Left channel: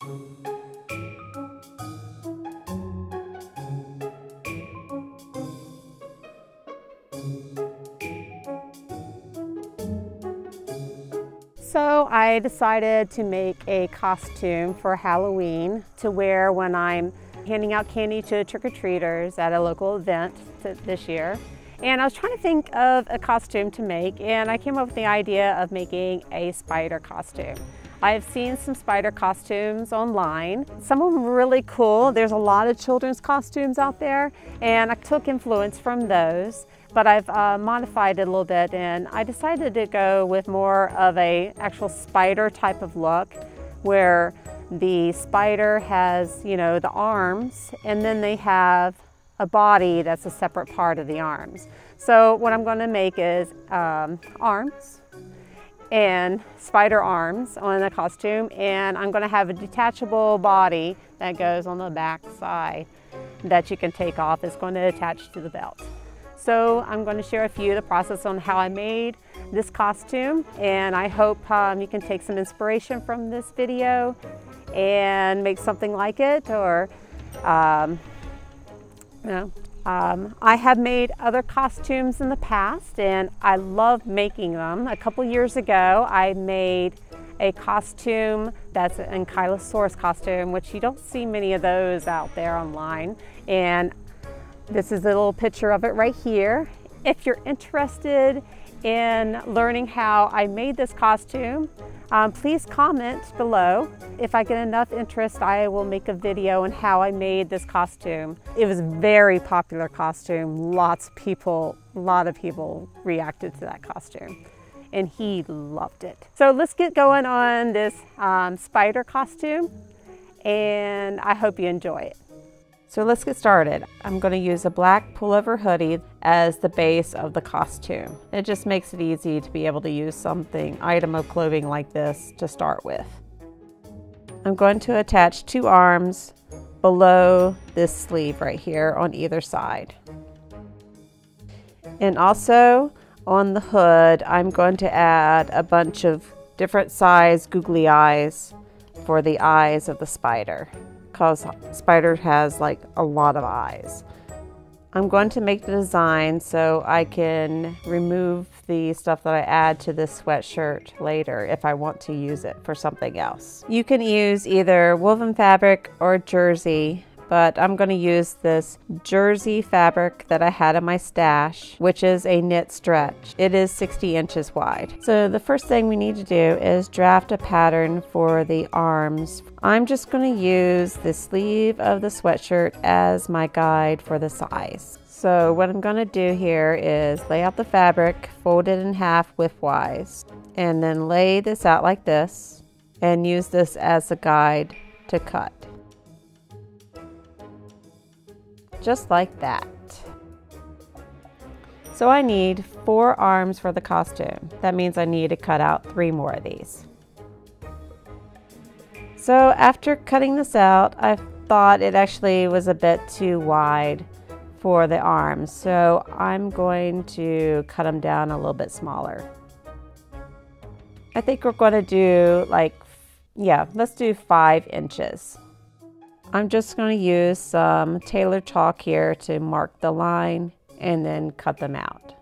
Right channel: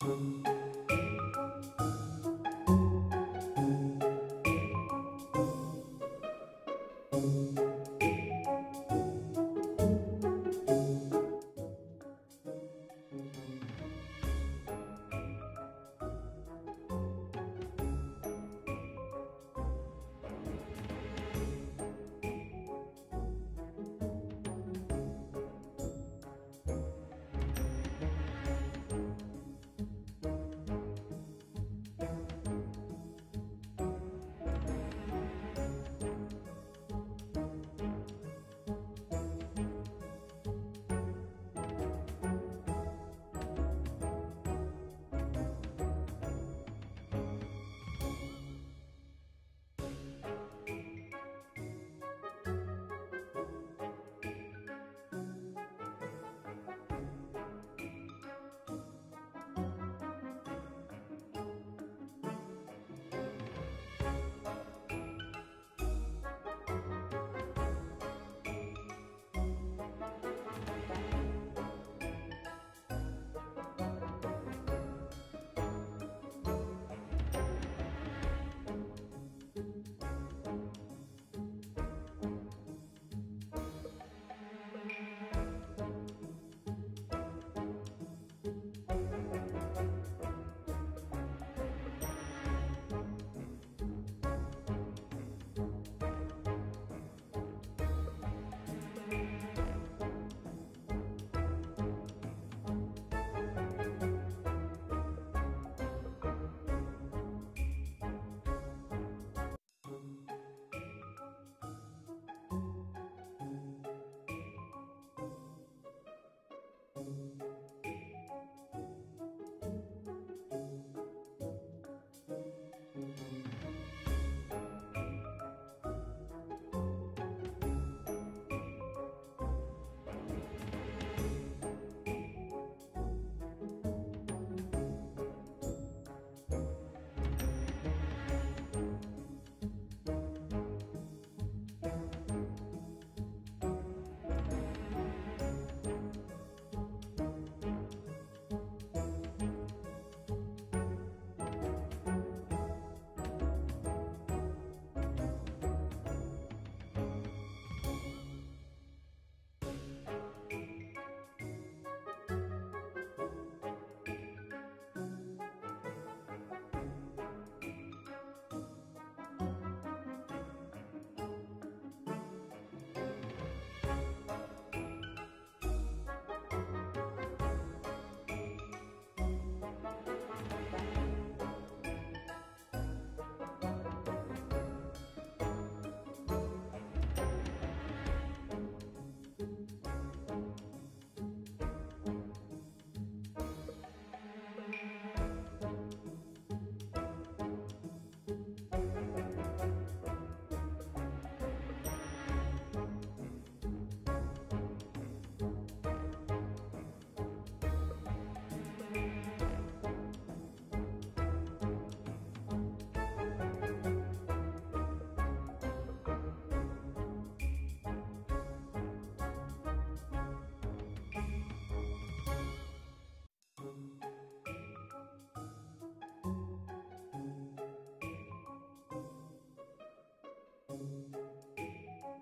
So I decided to make a costume for Halloween to wear when I'm handing out candy to trick-or-treaters at a local event this year. And I was trying to think of a costume to make, and I came up with the idea of making a spider costume. I've seen some spider costumes online. Some of them are really cool. There's a lot of children's costumes out there, and I took influence from those. But I've modified it a little bit, and I decided to go with more of a actual spider type of look, where the spider has, you know, the arms, and then they have a body that's a separate part of the arms. So what I'm going to make is arms and spider arms on the costume, and I'm going to have a detachable body that goes on the back side that you can take off. It's going to attach to the belt. So I'm going to share a few of the process on how I made this costume, and I hope you can take some inspiration from this video and make something like it, or I have made other costumes in the past, and I love making them. A couple years ago, I made a costume that's an Ankylosaurus costume, which you don't see many of those out there online. And this is a little picture of it right here. If you're interested in learning how I made this costume, please comment below. If I get enough interest, I will make a video on how I made this costume. It was a very popular costume. A lot of people reacted to that costume, and he loved it. So let's get going on this spider costume, and I hope you enjoy it. So let's get started. I'm going to use a black pullover hoodie as the base of the costume. It just makes it easy to be able to use item of clothing like this to start with. I'm going to attach 2 arms below this sleeve right here on either side. And also on the hood, I'm going to add a bunch of different size googly eyes for the eyes of the spider, because spider has like a lot of eyes. I'm going to make the design so I can remove the stuff that I add to this sweatshirt later if I want to use it for something else. You can use either woven fabric or jersey, but I'm going to use this jersey fabric that I had in my stash, which is a knit stretch. It is 60 inches wide. So the first thing we need to do is draft a pattern for the arms. I'm just going to use the sleeve of the sweatshirt as my guide for the size. So what I'm going to do here is lay out the fabric, fold it in half widthwise, and then lay this out like this, and use this as a guide to cut. Just like that. So I need 4 arms for the costume. That means I need to cut out 3 more of these. So after cutting this out, I thought it actually was a bit too wide for the arms. So I'm going to cut them down a little bit smaller. I think we're going to do let's do 5 inches. I'm just going to use some Taylor chalk here to mark the line and then cut them out.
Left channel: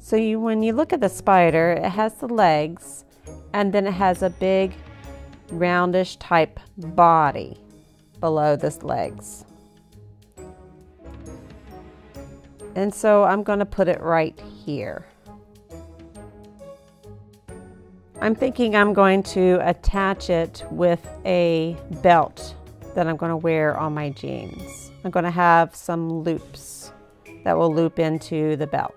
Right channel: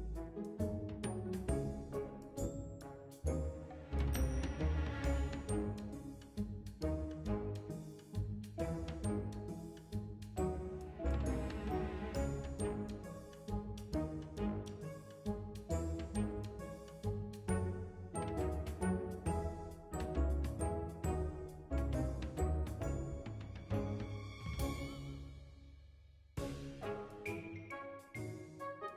So when you look at the spider, it has the legs, and then it has a big roundish type body below this legs. And so I'm going to put it right here. I'm thinking I'm going to attach it with a belt that I'm going to wear on my jeans. I'm going to have some loops that will loop into the belt.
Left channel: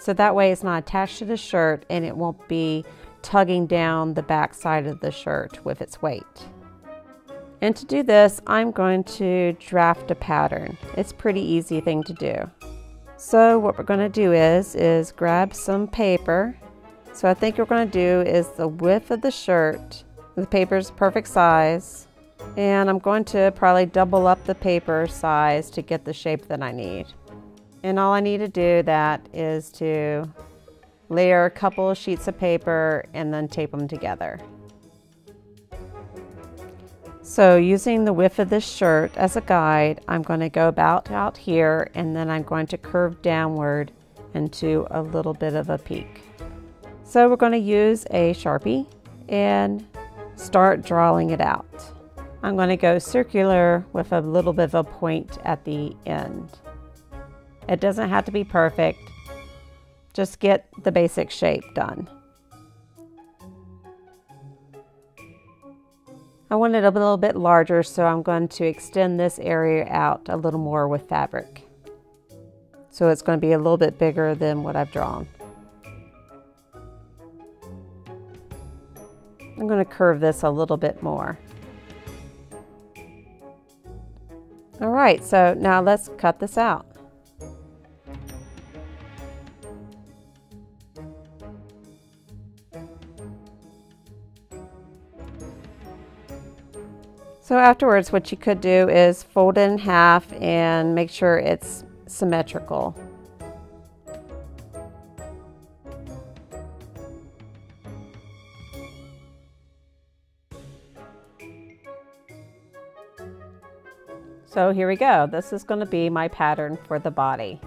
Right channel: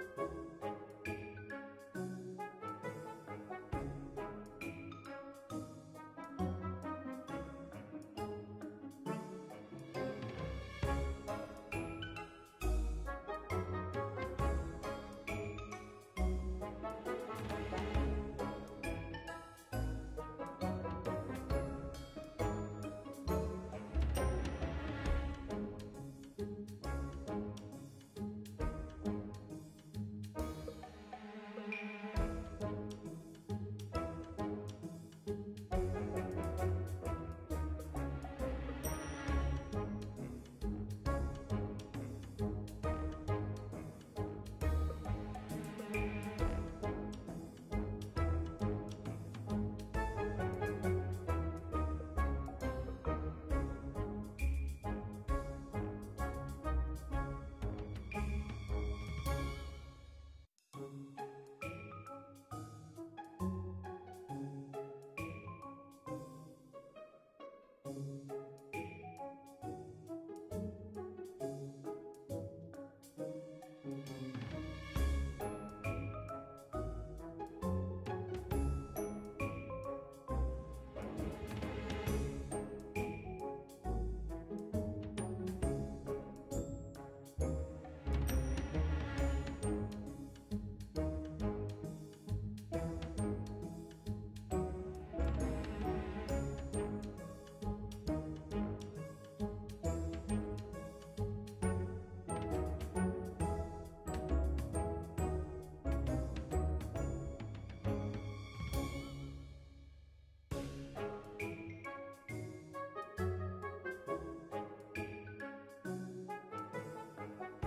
So that way it's not attached to the shirt and it won't be tugging down the back side of the shirt with its weight. And to do this, I'm going to draft a pattern. It's a pretty easy thing to do. So what we're going to do is grab some paper. So I think what we're going to do is the width of the shirt. The paper is perfect size. And I'm going to probably double up the paper size to get the shape that I need. And all I need to do that is to layer a couple of sheets of paper and then tape them together. So using the width of this shirt as a guide, I'm going to go about out here, and then I'm going to curve downward into a little bit of a peak. So we're going to use a Sharpie and start drawing it out. I'm going to go circular with a little bit of a point at the end. It doesn't have to be perfect, just get the basic shape done. I want it a little bit larger, so I'm going to extend this area out a little more with fabric. So it's going to be a little bit bigger than what I've drawn. I'm going to curve this a little bit more. All right, so now let's cut this out. So afterwards, what you could do is fold it in half and make sure it's symmetrical. So here we go. This is going to be my pattern for the body.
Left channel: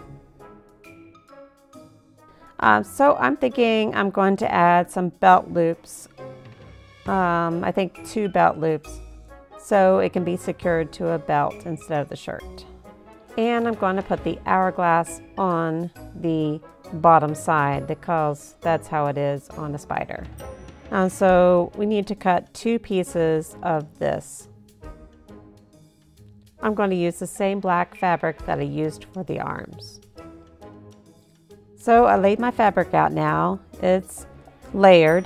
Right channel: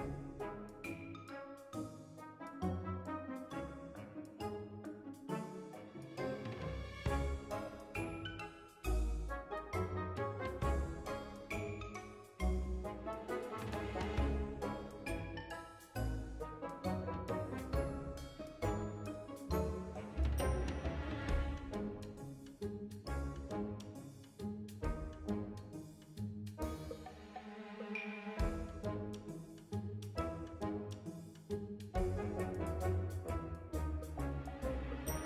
So I'm thinking I'm going to add some belt loops. I think 2 belt loops, so it can be secured to a belt instead of the shirt. And I'm going to put the hourglass on the bottom side because that's how it is on a spider. So we need to cut 2 pieces of this. I'm going to use the same black fabric that I used for the arms. So I laid my fabric out now. It's layered,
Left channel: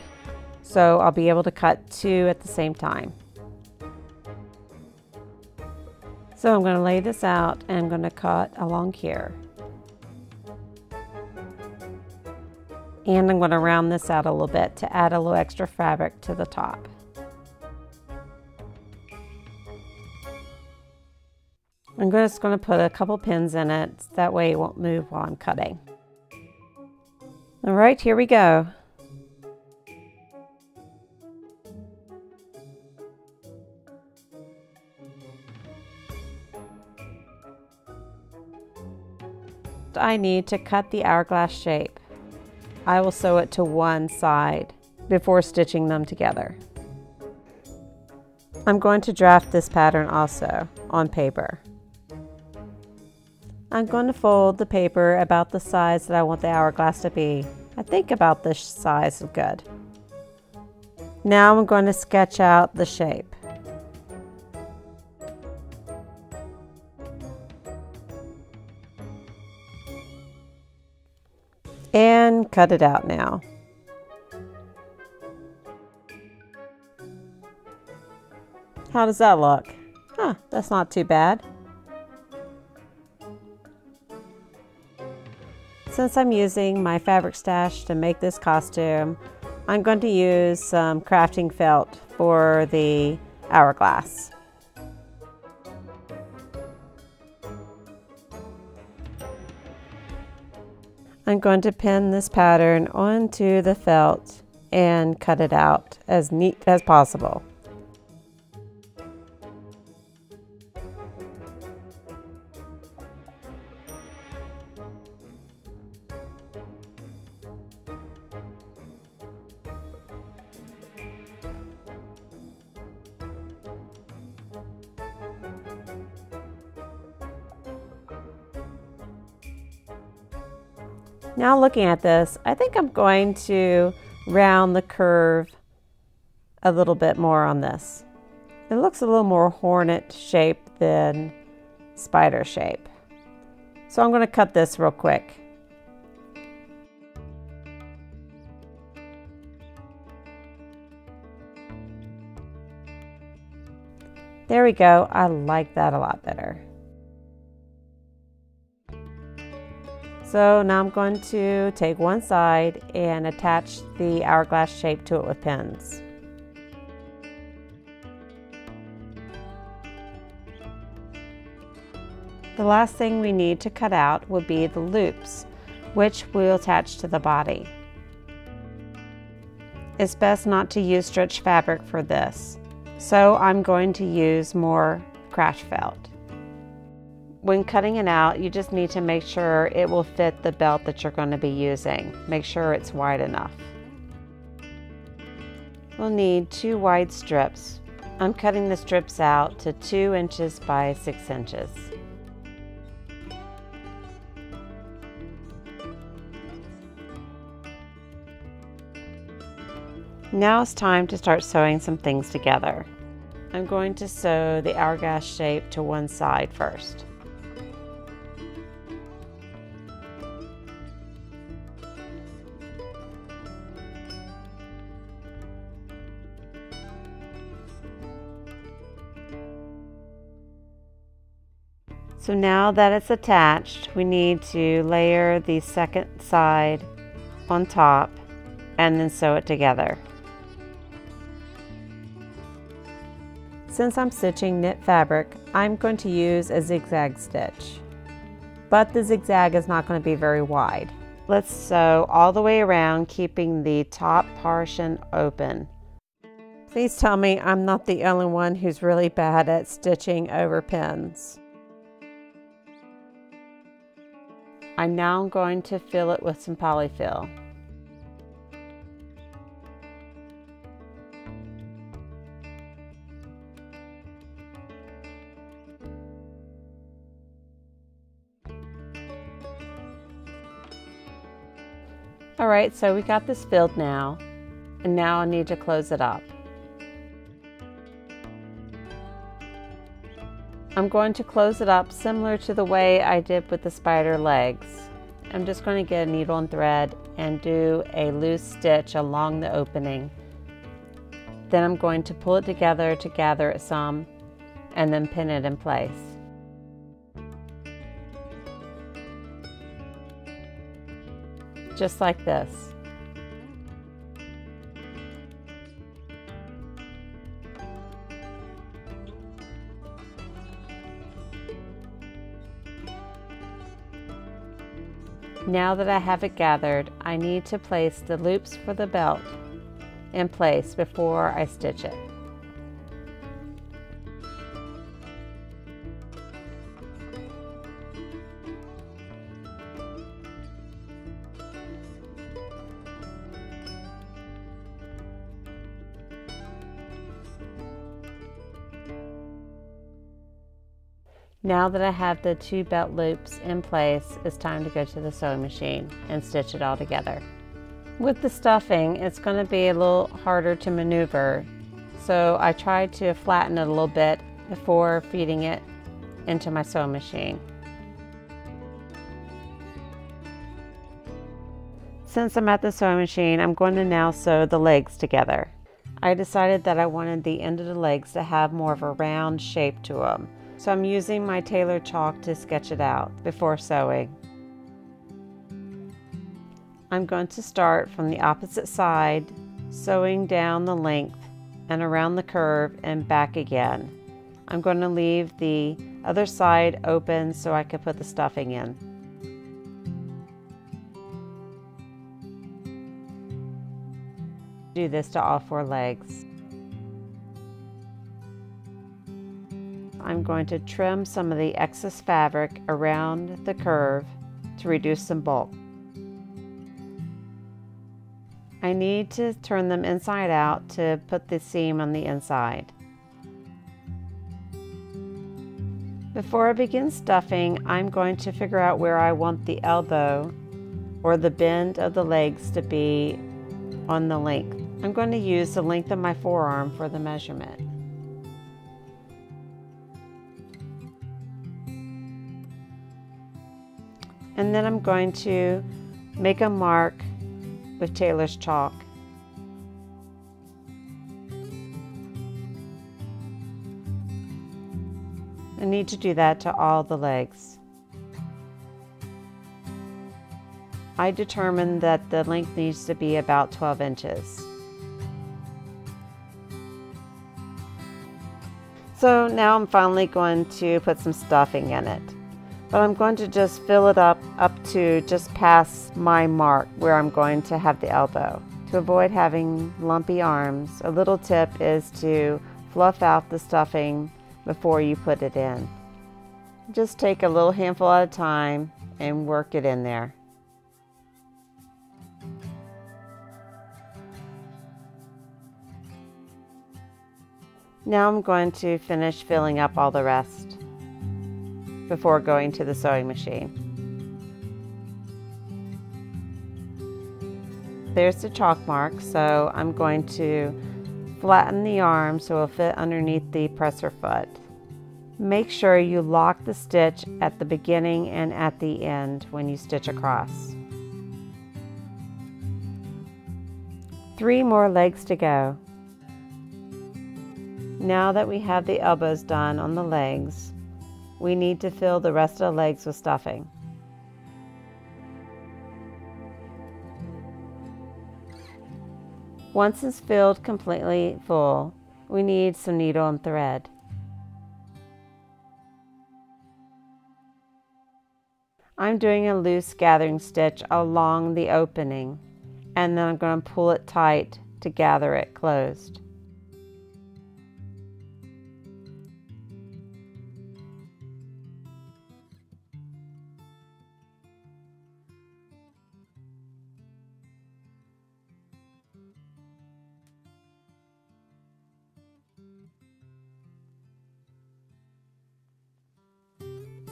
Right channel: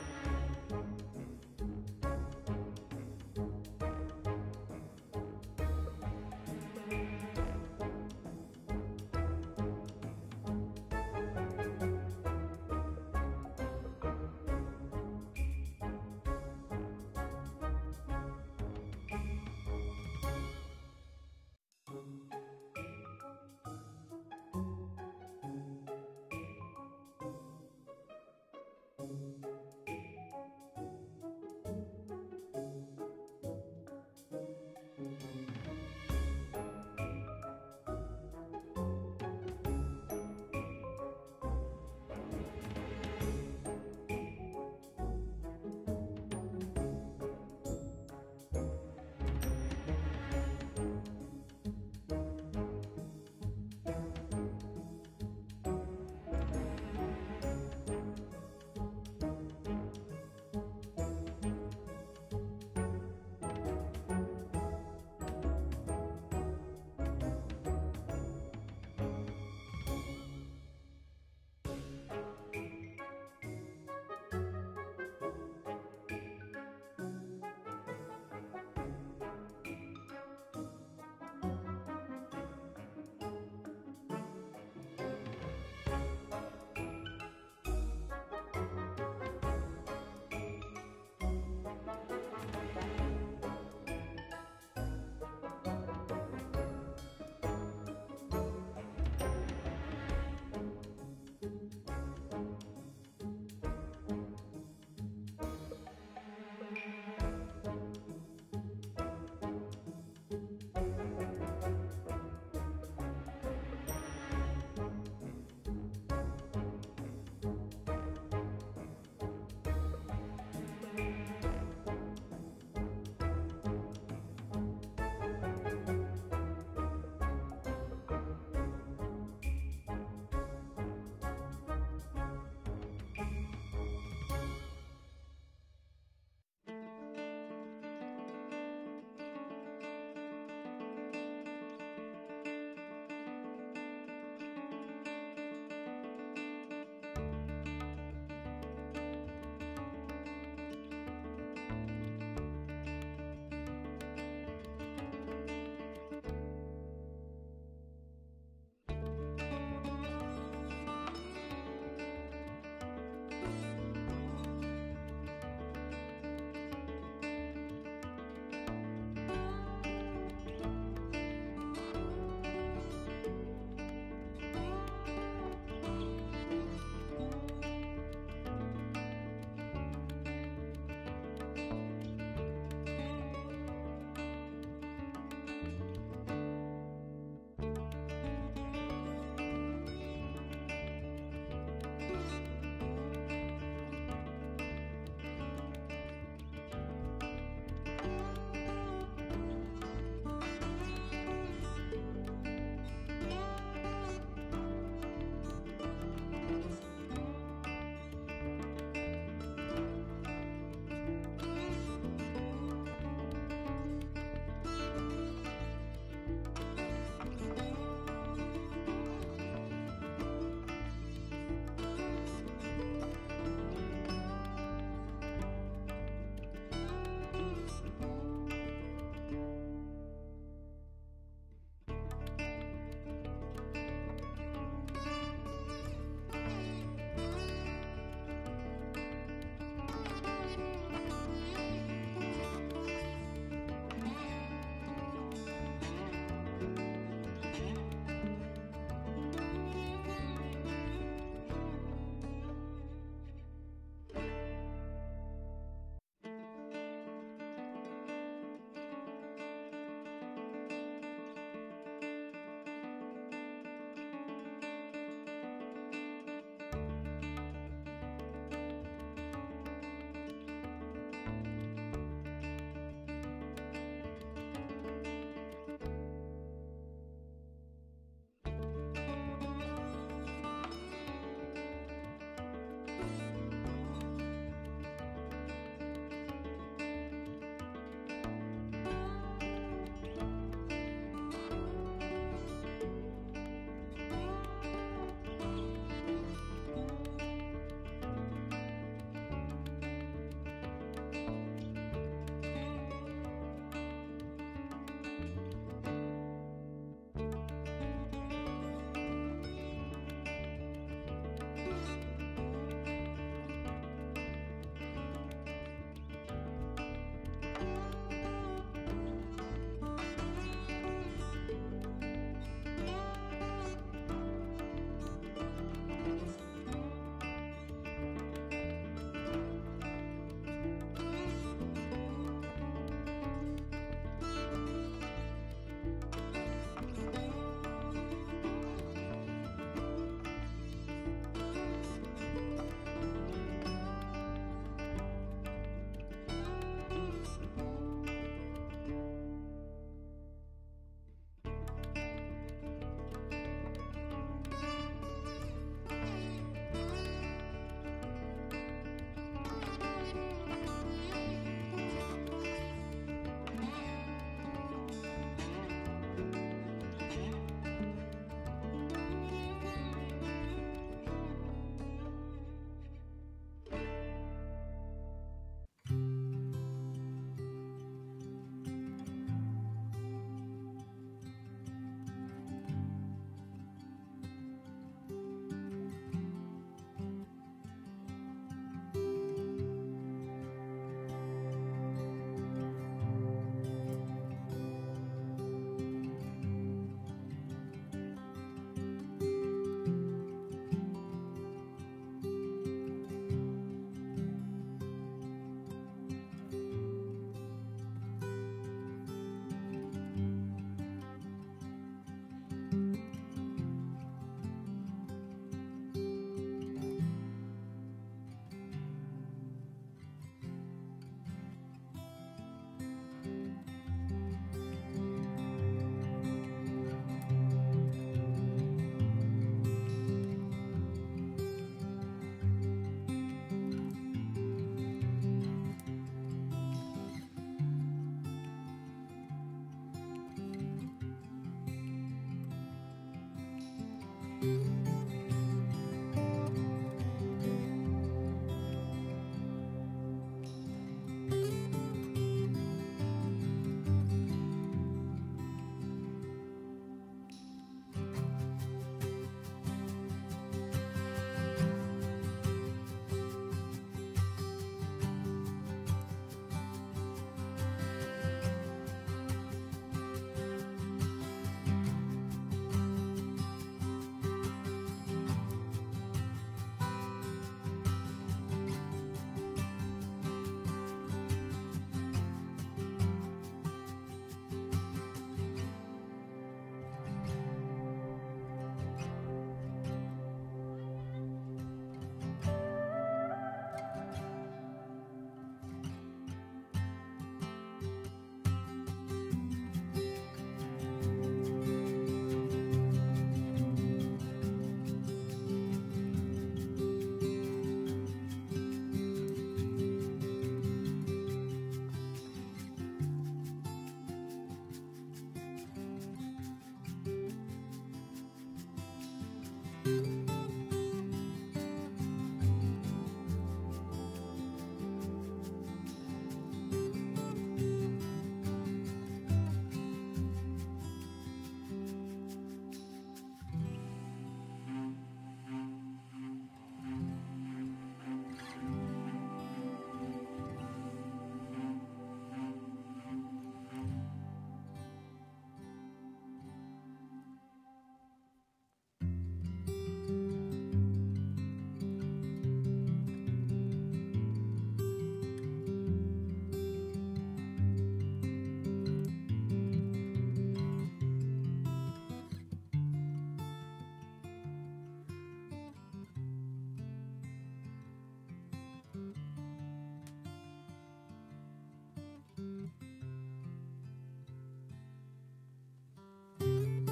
so I'll be able to cut 2 at the same time. So I'm going to lay this out and I'm going to cut along here. And I'm going to round this out a little bit to add a little extra fabric to the top. I'm just going to put a couple pins in it, that way it won't move while I'm cutting. All right, here we go. I need to cut the hourglass shape. I will sew it to one side before stitching them together. I'm going to draft this pattern also on paper. I'm going to fold the paper about the size that I want the hourglass to be. I think about this size is good. Now I'm going to sketch out the shape. And cut it out now. How does that look? Huh, that's not too bad. Since I'm using my fabric stash to make this costume, I'm going to use some crafting felt for the hourglass. I'm going to pin this pattern onto the felt and cut it out as neat as possible. Now looking at this, I think I'm going to round the curve a little bit more on this. It looks a little more hornet shape than spider shape. So I'm going to cut this real quick. There we go. I like that a lot better. So now I'm going to take one side and attach the hourglass shape to it with pins. The last thing we need to cut out will be the loops, which we'll attach to the body. It's best not to use stretch fabric for this, so I'm going to use more crash felt. When cutting it out, you just need to make sure it will fit the belt that you're going to be using. Make sure it's wide enough. We'll need 2 wide strips. I'm cutting the strips out to 2 inches by 6 inches. Now it's time to start sewing some things together. I'm going to sew the hourglass shape to one side first. So now that it's attached, we need to layer the second side on top and then sew it together. Since I'm stitching knit fabric, I'm going to use a zigzag stitch, but the zigzag is not going to be very wide. Let's sew all the way around, keeping the top portion open. Please tell me I'm not the only one who's really bad at stitching over pins. I'm now going to fill it with some polyfill. Alright, so we got this filled now, and now I need to close it up. I'm going to close it up similar to the way I did with the spider legs. I'm just going to get a needle and thread and do a loose stitch along the opening. Then I'm going to pull it together to gather it some and then pin it in place. Just like this. Now that I have it gathered, I need to place the loops for the belt in place before I stitch it. Now that I have the 2 belt loops in place, it's time to go to the sewing machine and stitch it all together. With the stuffing, it's going to be a little harder to maneuver, so I tried to flatten it a little bit before feeding it into my sewing machine. Since I'm at the sewing machine, I'm going to now sew the legs together. I decided that I wanted the end of the legs to have more of a round shape to them. So I'm using my tailor chalk to sketch it out before sewing. I'm going to start from the opposite side, sewing down the length and around the curve and back again. I'm going to leave the other side open so I can put the stuffing in. Do this to all 4 legs. I'm going to trim some of the excess fabric around the curve to reduce some bulk. I need to turn them inside out to put the seam on the inside. Before I begin stuffing, I'm going to figure out where I want the elbow or the bend of the legs to be on the length. I'm going to use the length of my forearm for the measurement. And then I'm going to make a mark with tailor's chalk. I need to do that to all the legs. I determined that the length needs to be about 12 inches. So now I'm finally going to put some stuffing in it. but I'm going to just fill it up to just past my mark where I'm going to have the elbow. To avoid having lumpy arms, a little tip is to fluff out the stuffing before you put it in. Just take a little handful at a time and work it in there. Now I'm going to finish filling up all the rest before going to the sewing machine. There's the chalk mark, so I'm going to flatten the arm so it'll fit underneath the presser foot. Make sure you lock the stitch at the beginning and at the end when you stitch across. 3 more legs to go. Now that we have the elbows done on the legs, we need to fill the rest of the legs with stuffing. Once it's filled completely full, we need some needle and thread. I'm doing a loose gathering stitch along the opening, and then I'm going to pull it tight to gather it closed.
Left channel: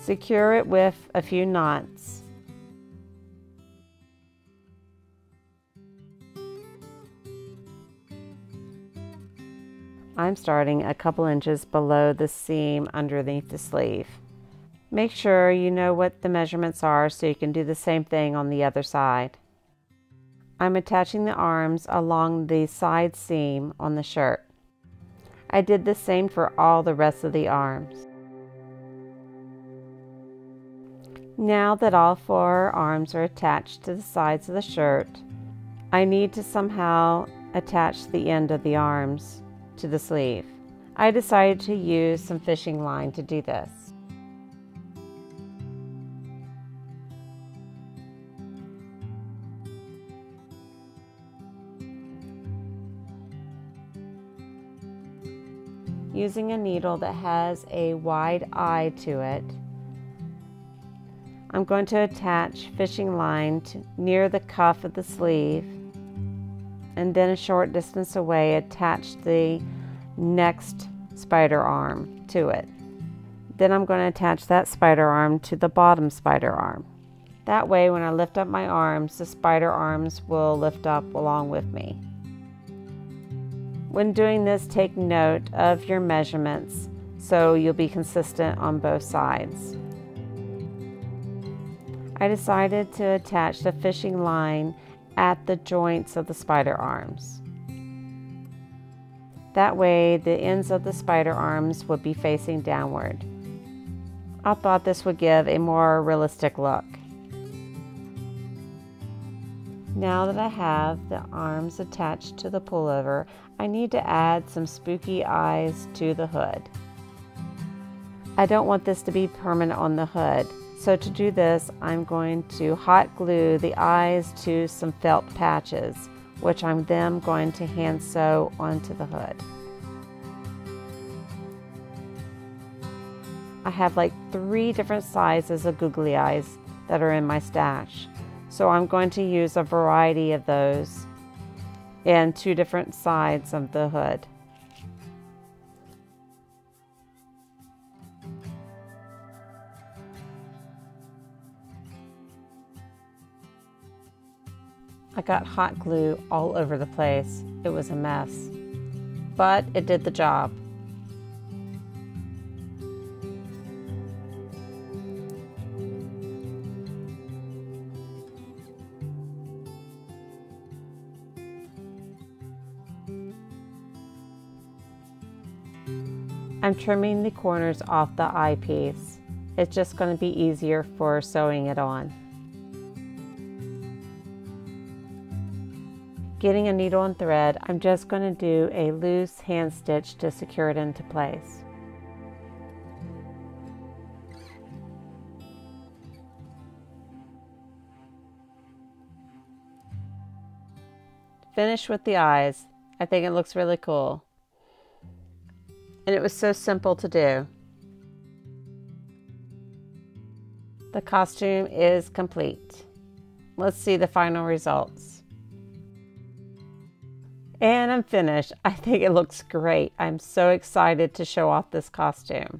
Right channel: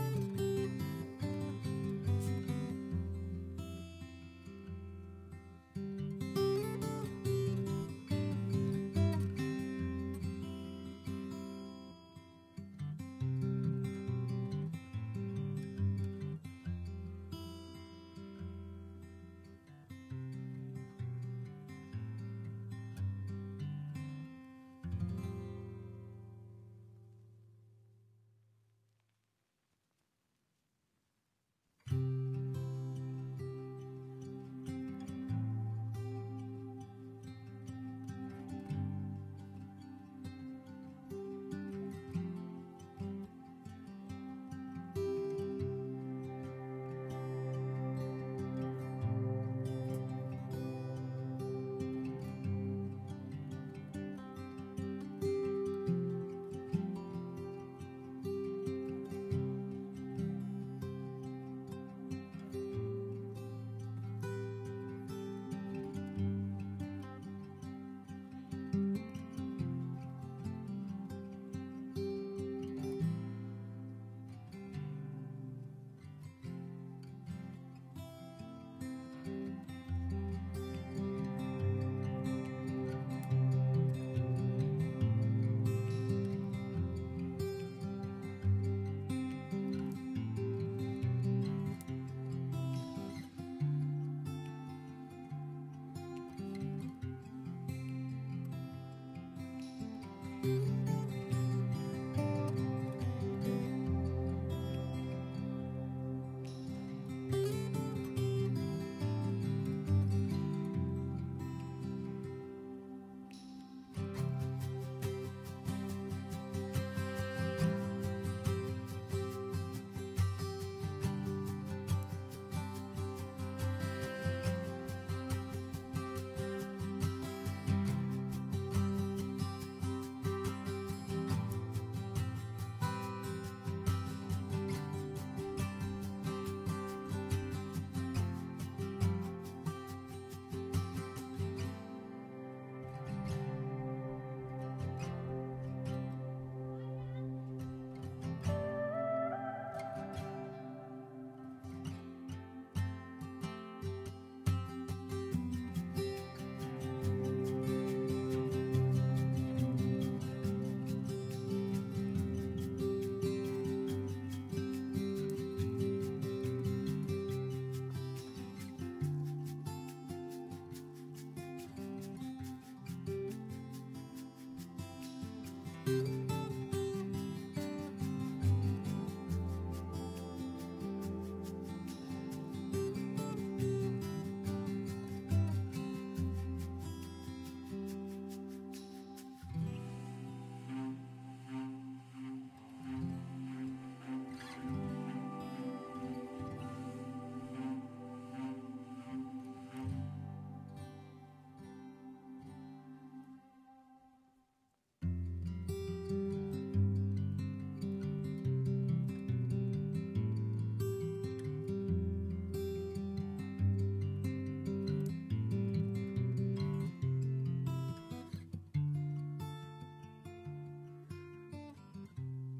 Secure it with a few knots. I'm starting a couple inches below the seam underneath the sleeve. Make sure you know what the measurements are so you can do the same thing on the other side. I'm attaching the arms along the side seam on the shirt. I did the same for all the rest of the arms. Now that all 4 arms are attached to the sides of the shirt, I need to somehow attach the end of the arms to the sleeve. I decided to use some fishing line to do this. Using a needle that has a wide eye to it, I'm going to attach fishing line near the cuff of the sleeve, and then a short distance away attach the next spider arm to it. Then I'm going to attach that spider arm to the bottom spider arm. That way when I lift up my arms, the spider arms will lift up along with me. When doing this, take note of your measurements so you'll be consistent on both sides. I decided to attach the fishing line at the joints of the spider arms. That way the ends of the spider arms would be facing downward. I thought this would give a more realistic look. Now that I have the arms attached to the pullover, I need to add some spooky eyes to the hood. I don't want this to be permanent on the hood. So to do this, I'm going to hot glue the eyes to some felt patches, which I'm then going to hand sew onto the hood. I have like 3 different sizes of googly eyes that are in my stash. So I'm going to use a variety of those in 2 different sides of the hood. I got hot glue all over the place. It was a mess, but it did the job. I'm trimming the corners off the eyepiece. It's just going to be easier for sewing it on. Getting a needle and thread, I'm just going to do a loose hand stitch to secure it into place. finished with the eyes. I think it looks really cool. And it was so simple to do. The costume is complete. Let's see the final results. And I'm finished. I think it looks great. I'm so excited to show off this costume.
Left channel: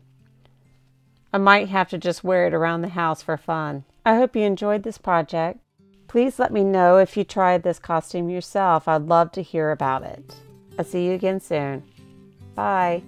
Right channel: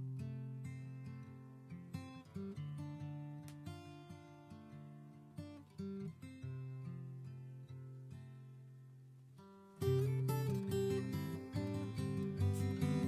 I might have to just wear it around the house for fun. I hope you enjoyed this project. Please let me know if you tried this costume yourself. I'd love to hear about it. I'll see you again soon. Bye.